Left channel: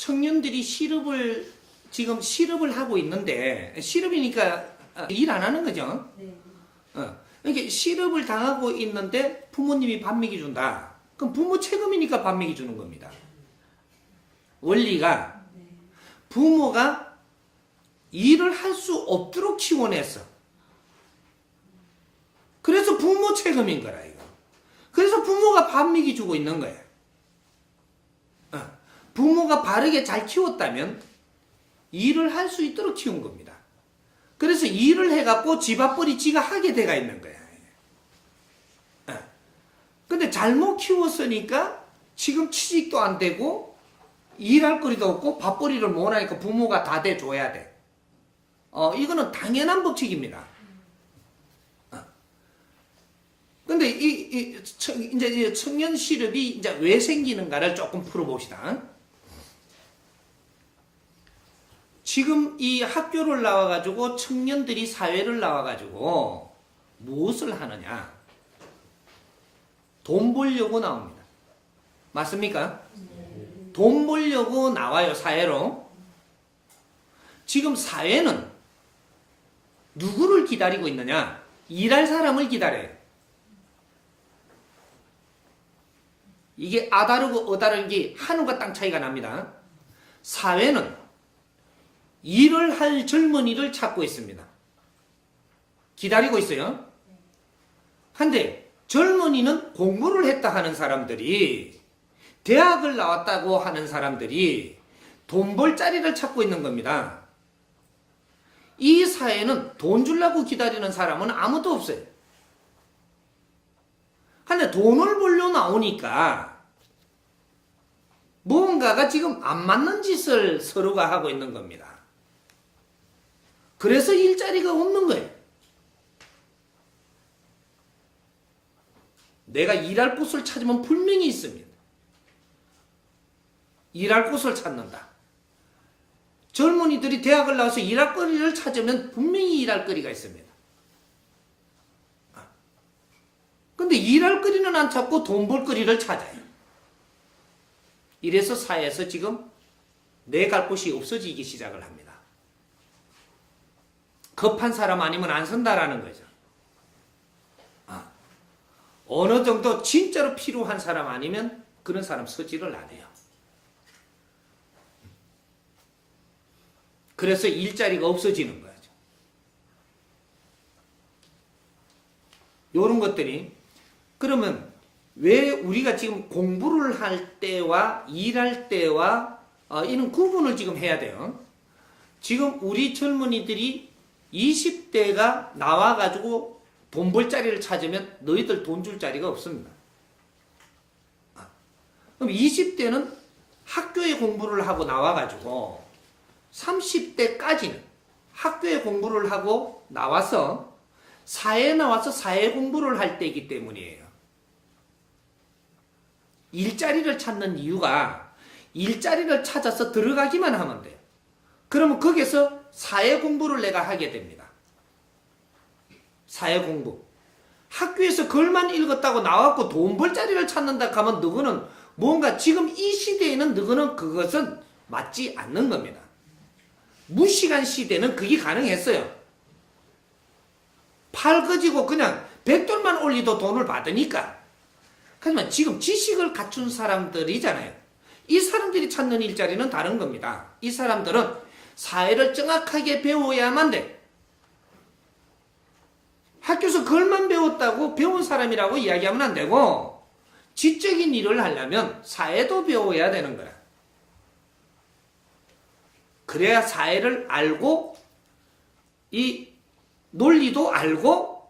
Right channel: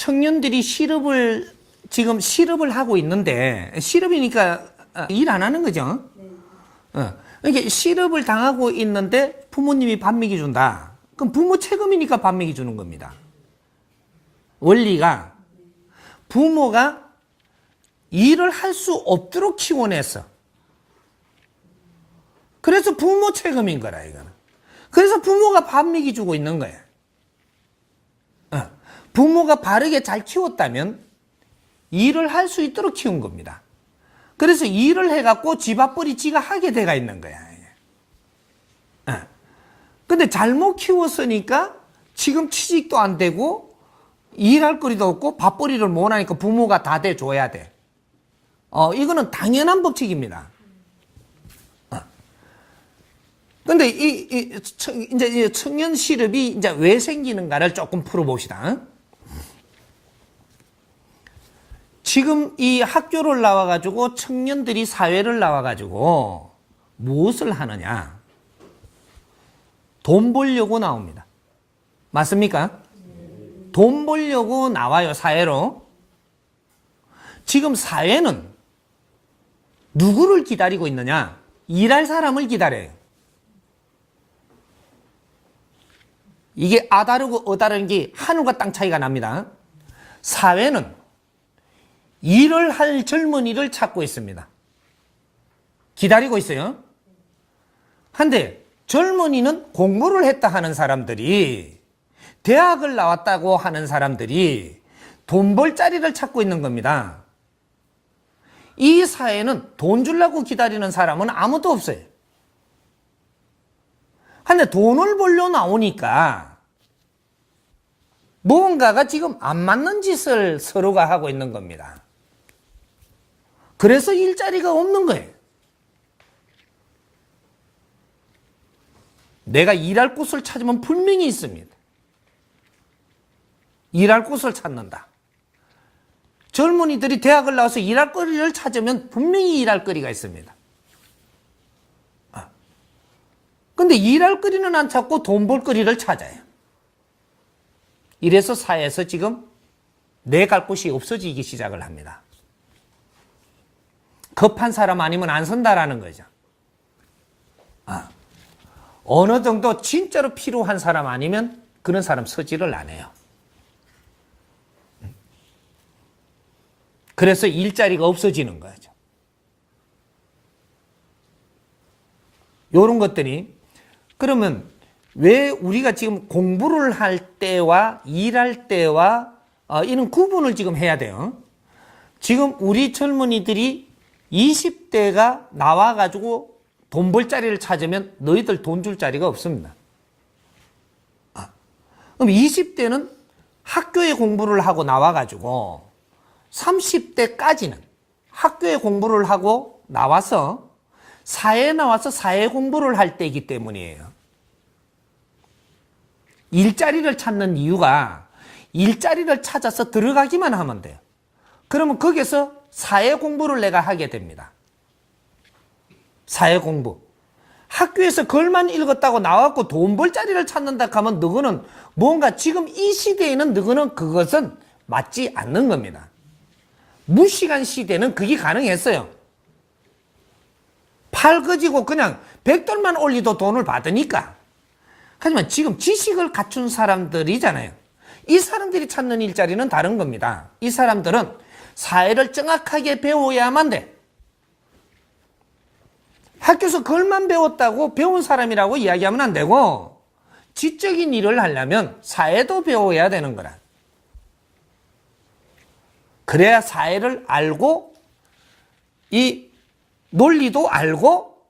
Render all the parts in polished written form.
청년들이 지금 실업을 하고 있는데, 실업이니까 일 안 하는 거죠. 이렇게 실업을 당하고 있는데 부모님이 밥 먹여준다. 그럼 부모 책임이니까 밥 먹여주는 겁니다. 원리가 부모가 일을 할 수 없도록 키워냈어. 그래서 부모 책임인 거라, 이거. 그래서 부모가 밥 먹여주고 있는 거야. 부모가 바르게 잘 키웠다면 일을 할 수 있도록 키운 겁니다. 그래서 일을 해갖고 집 앞벌이 지가 하게 돼가 있는 거야. 근데 잘못 키웠으니까 지금 취직도 안 되고 일할 거리도 없고 밥벌이를 못 하니까 부모가 다 대줘야 돼. 이거는 당연한 법칙입니다. 근데 이제 청년 실업이 이제 왜 생기는가를 조금 풀어봅시다. 지금 이 학교를 나와가지고 청년들이 사회를 나와가지고 무엇을 하느냐? 돈 벌려고 나옵니다. 맞습니까? 돈 벌려고 나와요, 사회로. 지금 사회는 누구를 기다리고 있느냐? 일할 사람을 기다려요. 이게 아다르고 어다른 게 하늘과 땅 차이가 납니다. 사회는 일을 할 젊은이를 찾고 있습니다. 기다리고 있어요. 한데 젊은이는 공부를 했다 하는 사람들이, 대학을 나왔다고 하는 사람들이 돈 벌 자리를 찾고 있는 겁니다. 이 사회는 돈 주려고 기다리는 사람은 아무도 없어요. 근데 돈을 벌려 나오니까 뭔가가 지금 안 맞는 짓을 서로가 하고 있는 겁니다. 그래서 일자리가 없는 거예요. 내가 일할 곳을 찾으면 분명히 있습니다. 일할 곳을 찾는다. 젊은이들이 대학을 나와서 일할 거리를 찾으면 분명히 일할 거리가 있습니다. 근데 일할 거리는 안 찾고 돈 벌 거리를 찾아요. 이래서 사회에서 지금 내 갈 곳이 없어지기 시작을 합니다. 급한 사람 아니면 안 선다라는 거죠. 어느 정도 진짜로 필요한 사람 아니면 그런 사람 서지를 안 해요. 그래서 일자리가 없어지는 거죠. 이런 것들이, 그러면 왜 우리가 지금 공부를 할 때와 일할 때와 이런 구분을 지금 해야 돼요. 지금 우리 젊은이들이 20대가 나와가지고 돈 벌 자리를 찾으면 너희들 돈 줄 자리가 없습니다. 그럼 20대는 학교에 공부를 하고 나와가지고 30대까지는 학교에 공부를 하고 나와서 사회에 나와서 사회 공부를 할 때이기 때문이에요. 일자리를 찾는 이유가 일자리를 찾아서 들어가기만 하면 돼요. 그러면 거기서 사회 공부를 내가 하게 됩니다. 사회 공부. 학교에서 글만 읽었다고 나왔고 돈 벌 자리를 찾는다 하면 너거는 뭔가 지금 이 시대에는 너거는 그것은 맞지 않는 겁니다. 무시간 시대는 그게 가능했어요. 팔 거지고 그냥 $100만 올리도 돈을 받으니까. 하지만 지금 지식을 갖춘 사람들이잖아요. 이 사람들이 찾는 일자리는 다른 겁니다. 이 사람들은 사회를 정확하게 배워야만 돼. 학교에서 그걸만 배웠다고 배운 사람이라고 이야기하면 안 되고, 지적인 일을 하려면 사회도 배워야 되는 거라. 그래야 사회를 알고 이 논리도 알고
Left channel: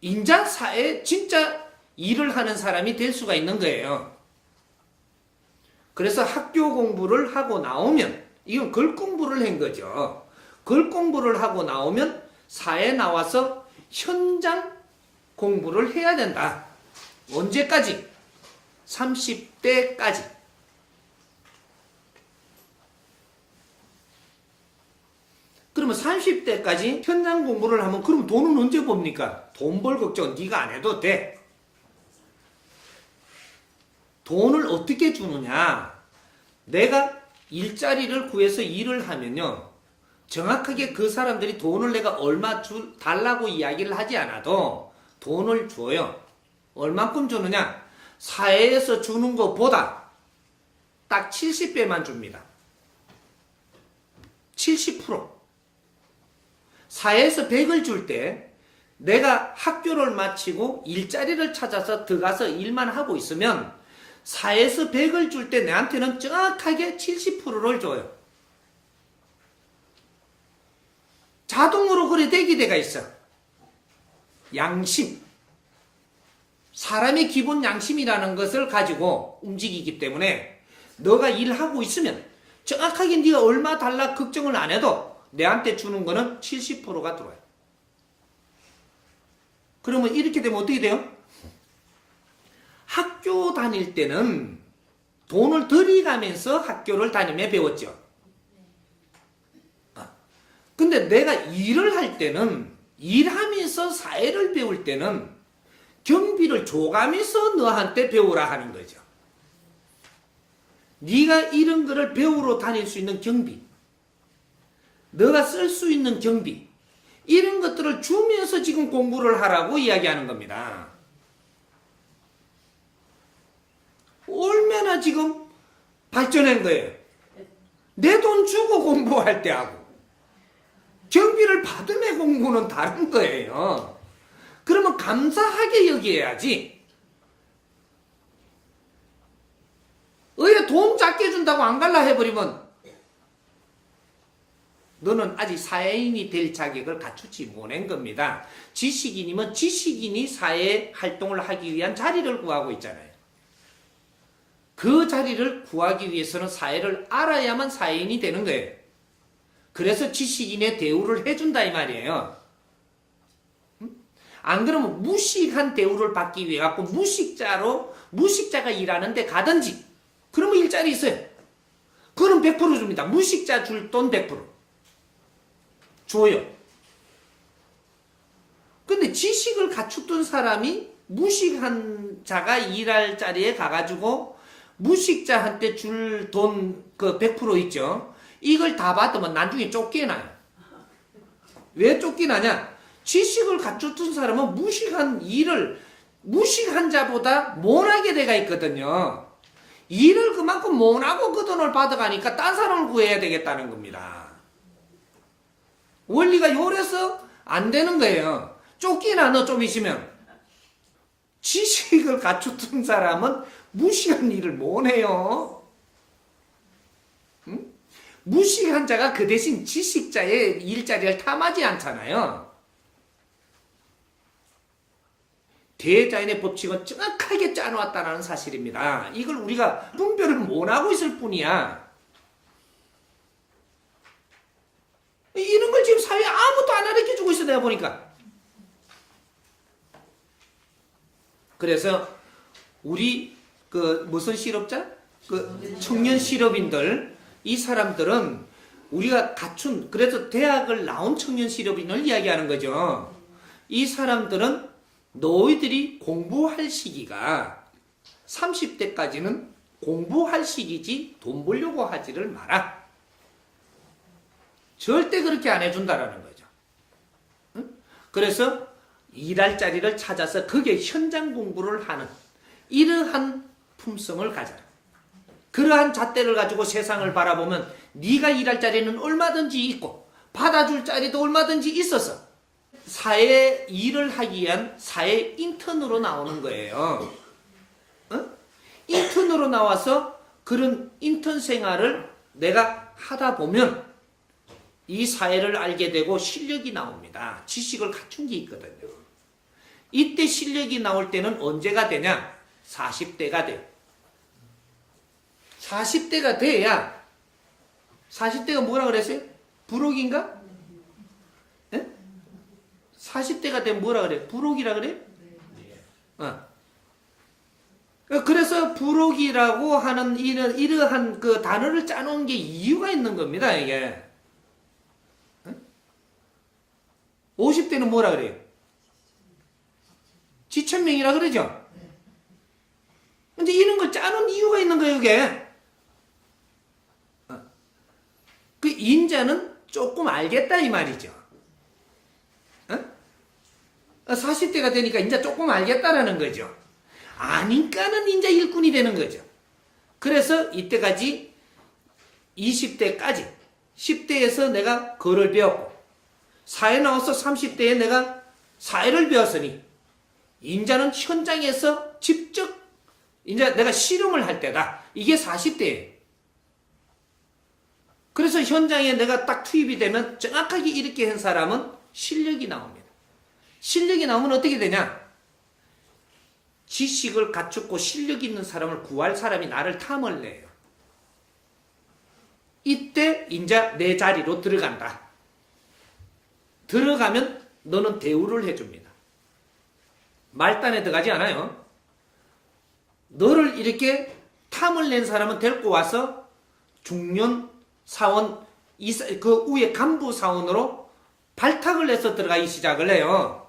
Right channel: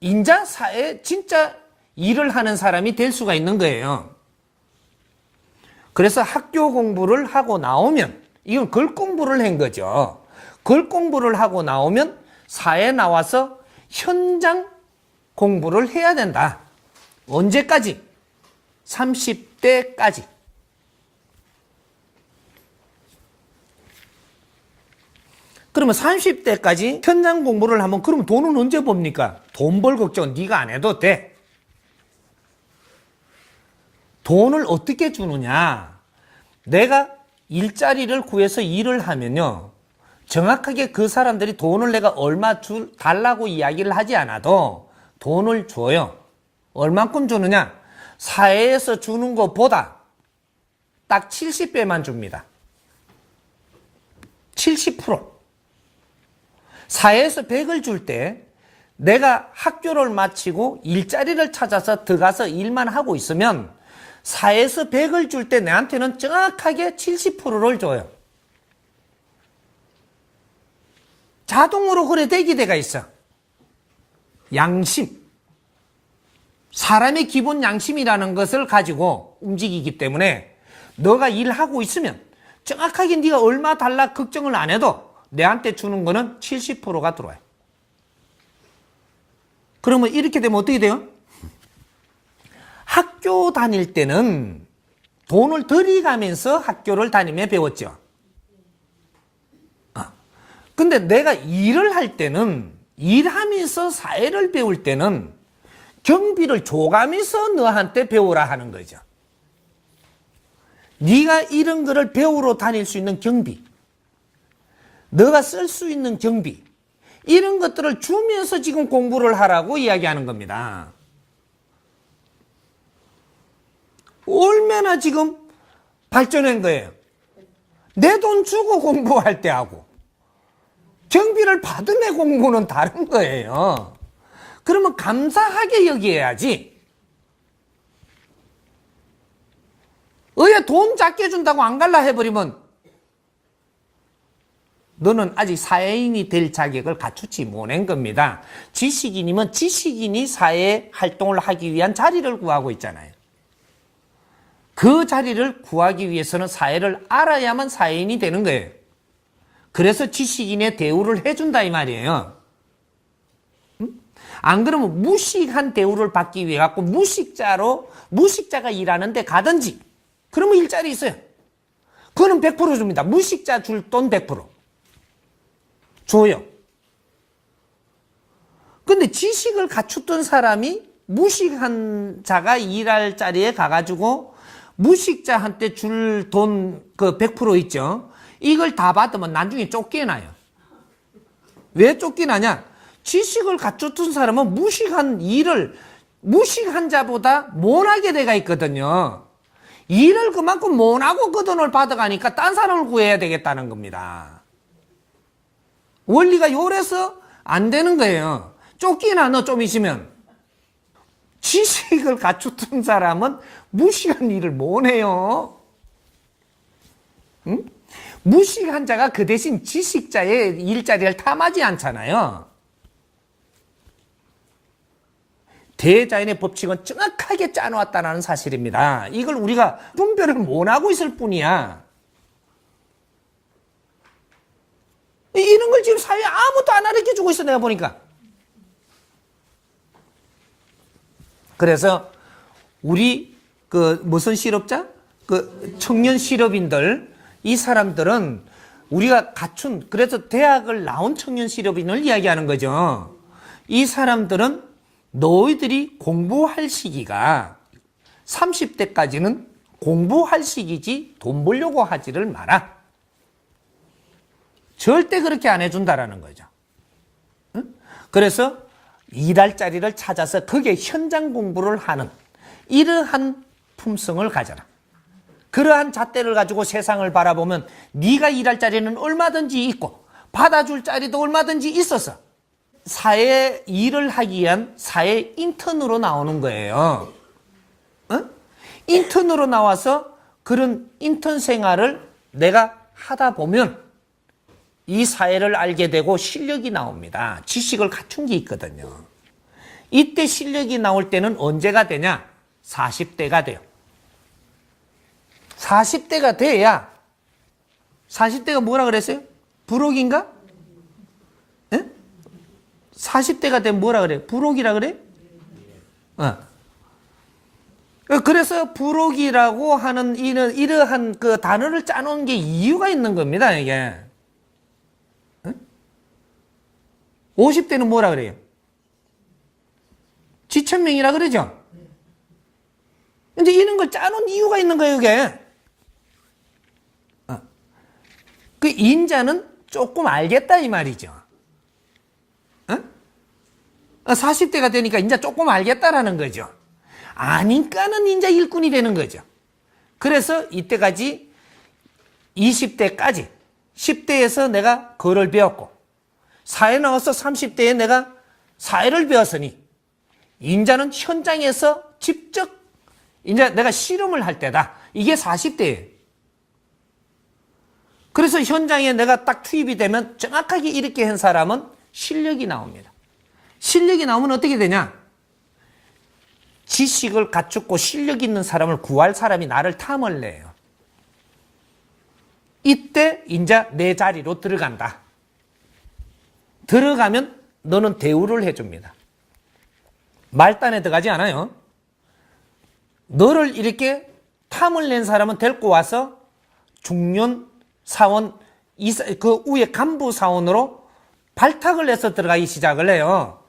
인자 사회 진짜 일을 하는 사람이 될 수가 있는 거예요. 그래서 학교 공부를 하고 나오면, 이건 글 공부를 한 거죠. 글 공부를 하고 나오면 사회에 나와서 현장 공부를 해야 된다. 언제까지? 30대까지. 그러면 30대까지 현장 공부를 하면 그럼 돈은 언제 법니까? 돈 벌 걱정 네가 안 해도 돼. 돈을 어떻게 주느냐? 내가 일자리를 구해서 일을 하면요. 정확하게 그 사람들이 돈을 내가 얼마 달라고 이야기를 하지 않아도 돈을 줘요. 얼만큼 주느냐? 사회에서 주는 것보다 딱 70배만 줍니다. 70%. 사회에서 100을 줄 때 내가 학교를 마치고 일자리를 찾아서 들어가서 일만 하고 있으면 사회에서 100을 줄 때 내한테는 정확하게 70%를 줘요. 자동으로 그래 되게 돼가 있어. 양심. 사람의 기본 양심이라는 것을 가지고 움직이기 때문에 너가 일하고 있으면 정확하게 네가 얼마 달라 걱정을 안 해도 내한테 주는 거는 70%가 들어와요. 그러면 이렇게 되면 어떻게 돼요? 학교 다닐 때는 돈을 들이가면서 학교를 다니며 배웠죠. 근데 내가 일을 할 때는 일하면서 사회를 배울 때는 경비를 줘가면서 너한테 배우라 하는 거죠. 네가 이런 거를 배우러 다닐 수 있는 경비, 너가 쓸 수 있는 경비, 이런 것들을 주면서 지금 공부를 하라고 이야기하는 겁니다. 얼마나 지금 발전한 거예요. 내 돈 주고 공부할 때 하고 경비를 받은 애 공부는 다른 거예요. 그러면 감사하게 여기야지. 왜 돈 작게 준다고 안 갈라 해버리면 너는 아직 사회인이 될 자격을 갖추지 못한 겁니다. 지식인이면 지식인이 사회 활동을 하기 위한 자리를 구하고 있잖아요. 그 자리를 구하기 위해서는 사회를 알아야만 사회인이 되는 거예요. 그래서 지식인의 대우를 해준다 이 말이에요. 안 그러면 무식한 대우를 받기 위해 갖고 무식자가 일하는데 가든지 그러면 일자리 있어요. 그거는 100% 줍니다. 무식자 줄 돈 100% 줘요. 근데 지식을 갖췄던 사람이 무식한 자가 일할 자리에 가가지고 무식자한테 줄 돈 그 100% 있죠. 이걸 다 받으면 나중에 쫓겨나요. 왜 쫓겨나냐? 지식을 갖췄던 사람은 무식한 자보다 못하게 돼가 있거든요. 일을 그만큼 못하고 그 돈을 받아가니까 딴 사람을 구해야 되겠다는 겁니다. 원리가 요래서 안 되는 거예요. 쫓기나 너 좀 있으면. 지식을 갖췄던 사람은 무식한 일을 못해요. 응? 무식한 자가 그 대신 지식자의 일자리를 탐하지 않잖아요. 대자연의 법칙은 정확하게 짜놓았다는 사실입니다. 이걸 우리가 분별을 못하고 있을 뿐이야. 이런 걸 지금 사회에 아무도 안 가르쳐주고 있어 내가 보니까. 그래서 우리 무슨 실업자? 청년 실업인들, 이 사람들은 우리가 갖춘, 그래서 대학을 나온 청년 실업인을 이야기하는 거죠. 이 사람들은 너희들이 공부할 시기가 30대까지는 공부할 시기지 돈 벌려고 하지를 마라. 절대 그렇게 안 해준다라는 거죠. 응? 그래서 일할 자리를 찾아서 거기에 현장 공부를 하는 이러한 품성을 가져라. 그러한 잣대를 가지고 세상을 바라보면 네가 일할 자리는 얼마든지 있고 받아줄 자리도 얼마든지 있어서 사회 일을 하기 위한 사회 인턴으로 나오는 거예요. 어? 인턴으로 나와서 그런 인턴 생활을 내가 하다 보면 이 사회를 알게 되고 실력이 나옵니다. 지식을 갖춘 게 있거든요. 이때 실력이 나올 때는 언제가 되냐? 40대가 돼요. 40대가 돼야 40대가 뭐라 그랬어요? 불혹인가? 네? 40대가 되면 뭐라 그래? 불혹이라 그래? 그래서 불혹이라고 하는 이러한 그 단어를 짜놓은 게 이유가 있는 겁니다, 이게. 50대는 뭐라 그래요? 지천명이라 그러죠? 근데 이런 걸 짜놓은 이유가 있는 거예요, 이게. 그 인자는 조금 알겠다 이 말이죠. 40대가 되니까 이제 조금 알겠다라는 거죠. 아니까는 이제 일꾼이 되는 거죠. 그래서 이때까지 20대까지 10대에서 내가 그를 배웠고 사회 나와서 30대에 내가 사회를 배웠으니 인자는 현장에서 직접 이제 내가 실험을 할 때다. 이게 40대예요. 그래서 현장에 내가 딱 투입이 되면 정확하게 이렇게 한 사람은 실력이 나옵니다. 실력이 나오면 어떻게 되냐? 지식을 갖추고 실력 있는 사람을 구할 사람이 나를 탐을 내요. 이때 이제 내 자리로 들어간다. 들어가면 너는 대우를 해줍니다. 말단에 들어가지 않아요. 너를 이렇게 탐을 낸 사람은 데리고 와서 중년 사원, 그 위에 간부 사원으로 발탁을 해서 들어가기 시작을 해요.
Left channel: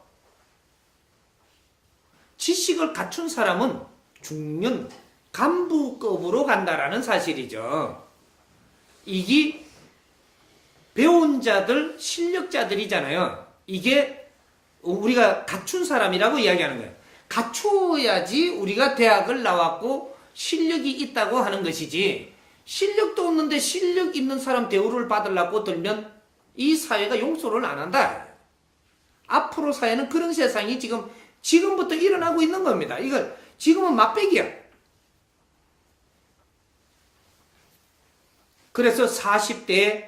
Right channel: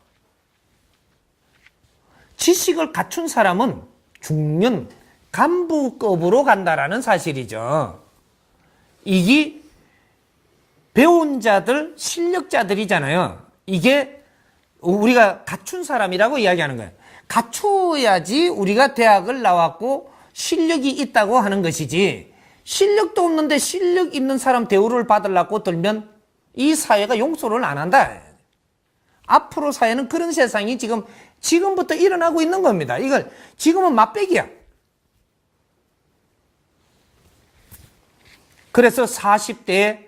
지식을 갖춘 사람은 중년 간부급으로 간다라는 사실이죠. 이게 배운 자들, 실력자들이잖아요. 이게 우리가 갖춘 사람이라고 이야기하는 거예요. 갖추어야지 우리가 대학을 나왔고 실력이 있다고 하는 것이지, 실력도 없는데 실력 있는 사람 대우를 받으려고 들면 이 사회가 용서를 안 한다. 앞으로 사회는 그런 세상이 지금부터 일어나고 있는 겁니다. 이걸 지금은 맛배기야. 그래서 40대에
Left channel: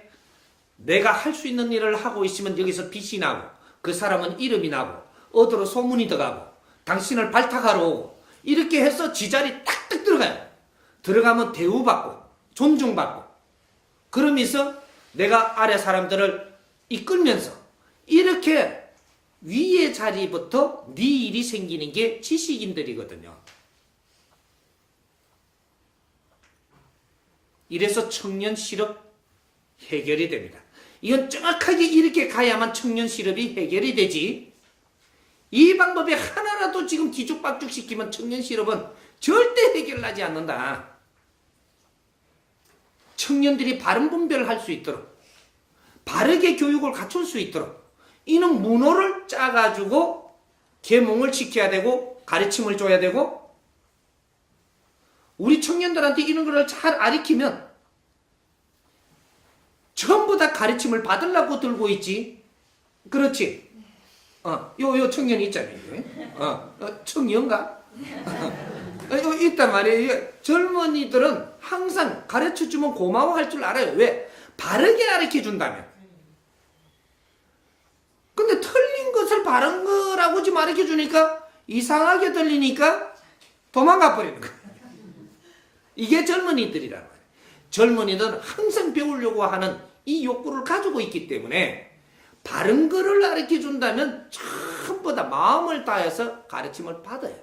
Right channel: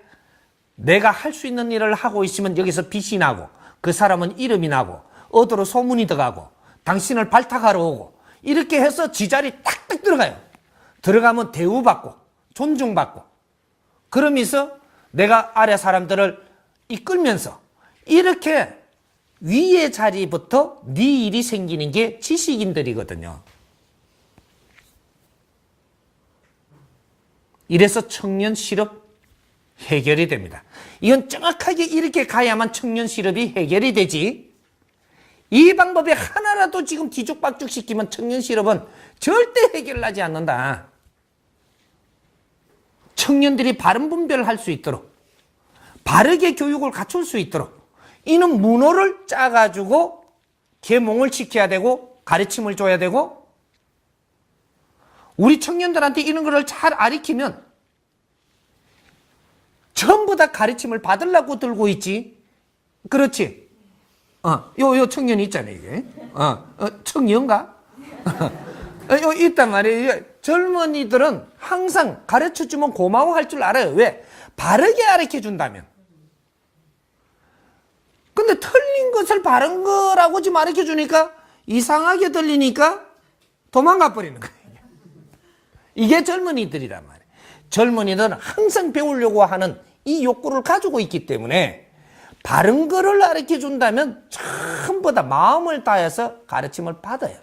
내가 할 수 있는 일을 하고 있으면 여기서 빛이 나고 그 사람은 이름이 나고 어디로 소문이 들어가고 당신을 발탁하러 오고 이렇게 해서 지자리 탁탁 들어가요. 들어가면 대우받고 존중받고 그러면서 내가 아래 사람들을 이끌면서 이렇게 위의 자리부터 네 일이 생기는 게 지식인들이거든요. 이래서 청년 실업 해결이 됩니다. 이건 정확하게 이렇게 가야만 청년 실업이 해결이 되지. 이 방법에 하나라도 지금 뒤죽박죽 시키면 청년 실업은 절대 해결나지 않는다. 청년들이 바른 분별을 할 수 있도록 바르게 교육을 갖출 수 있도록 이는 문호를 짜가지고 계몽을 지켜야 되고 가르침을 줘야 되고 우리 청년들한테 이런 거를 잘 가르치면 전부 다 가르침을 받으려고 들고 있지. 그렇지? 요 청년이 있잖아요, 이게. 청년가? 요 있단 말이에요. 젊은이들은 항상 가르쳐 주면 고마워할 줄 알아요. 왜? 바르게 가르쳐 준다면. 근데 틀린 것을 바른 거라고 지금 가르쳐 주니까 이상하게 들리니까 도망가 버리는 거예요. 이게 젊은이들이란 말이에요. 젊은이는 항상 배우려고 하는 이 욕구를 가지고 있기 때문에 바른 거를 가르쳐 준다면 전부 다 마음을 다해서 가르침을 받아요.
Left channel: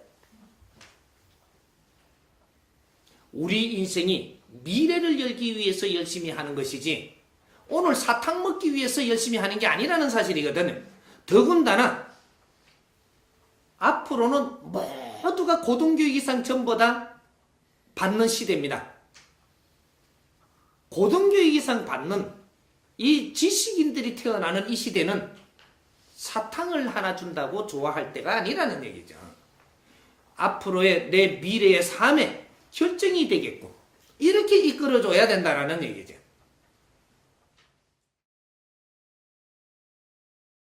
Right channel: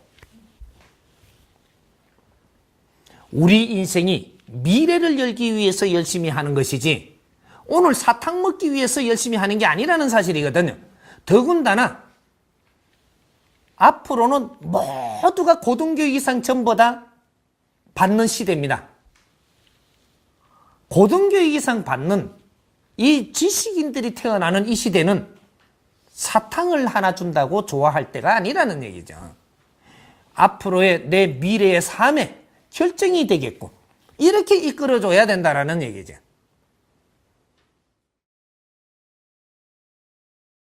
우리 인생이 미래를 열기 위해서 열심히 하는 것이지 오늘 사탕 먹기 위해서 열심히 하는 게 아니라는 사실이거든요. 더군다나 앞으로는 모두가 고등교육 이상 전보다 받는 시대입니다. 고등교육 이상 받는 이 지식인들이 태어나는 이 시대는 사탕을 하나 준다고 좋아할 때가 아니라는 얘기죠. 앞으로의 내 미래의 삶에 결정이 되겠고 이렇게 이끌어줘야 된다는 얘기죠.